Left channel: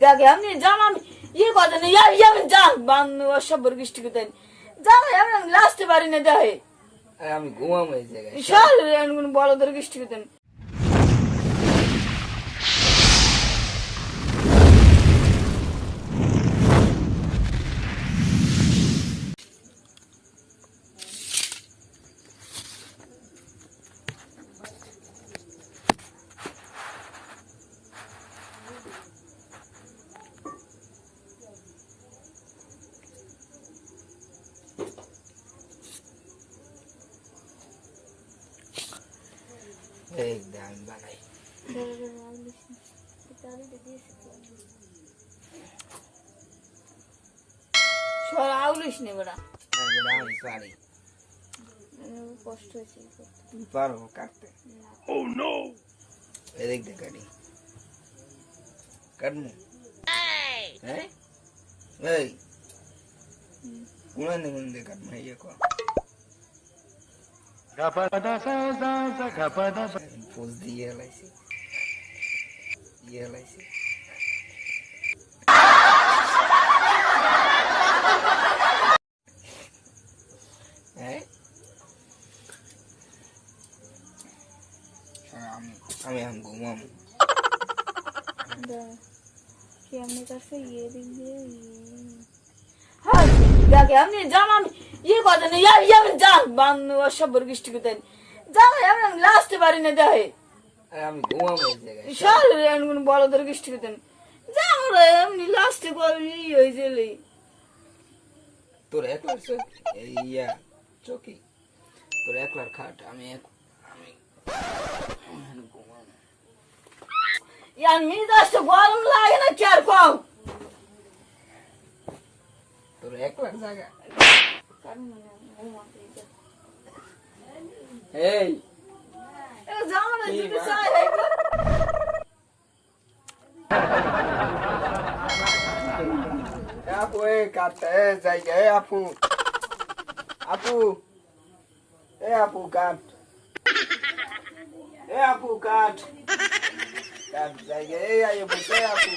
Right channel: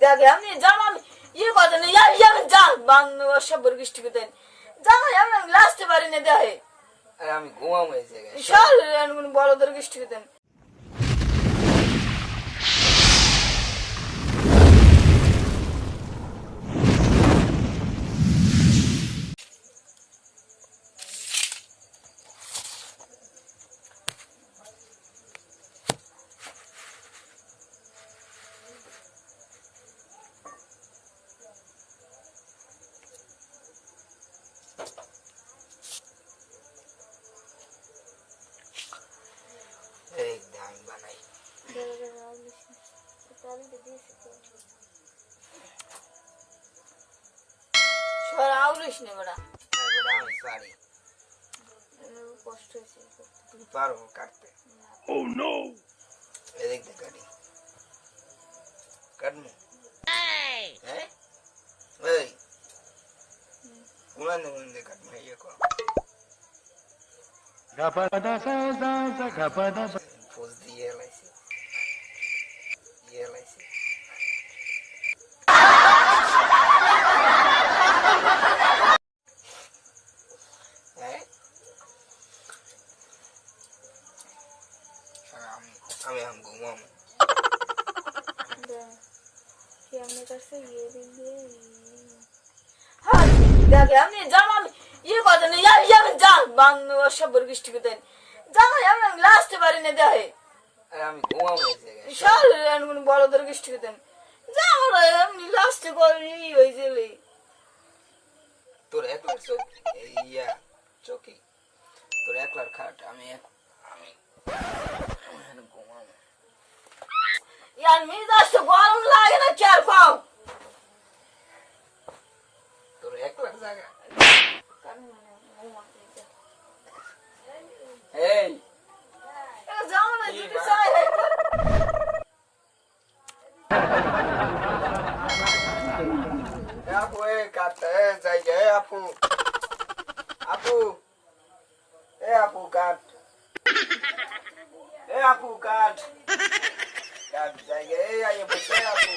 দেখে আমি জামা ইয়ে কথা নেই আমি যা বাংলা সব বর্গিষ্টি করতেন জামা আমি লাস্টে পারি না দেখে আমি ঘুমাবো এই জায়গায় সব বড় দর্গিষ্টি করতেন এই দাম বানাই সর আউলিস নে বড়া আমি পারি কষ্ট হয়েছে তুমি পারো কাটতে এদিক দিয়ে কাটি কাটমু হ্যাঁ এই কোনা নিমন দিয়ে কাটমু ইয়ে কো পোজ দিয়ে লাইছি হ্যাঁ আমি ঘুমাবো দেখে আমি জামা ইয়ে কথা নেই আমি যা বাংলা সব বর্গিষ্টি করতেন জামা আমি লাস্টে পারি না দেখে আমি ঘুমাবো এই জায়গায় সব বড় দর্গিষ্টি করতেন জামা এমনি লাস্টে করি হয়েছে তোর একলার চোখ ইয়া চৌকি তোর একলার খাট আমি ঘুমাবো ইয়ার মিজাজটা গরম লাগে না কি আর কম তোর একলার জায়গা এই জামা যদি চাই আপু এ কাটতে জায়গা আপু কাট আপু কাট জায়গা এই আইয়ে বসে আপু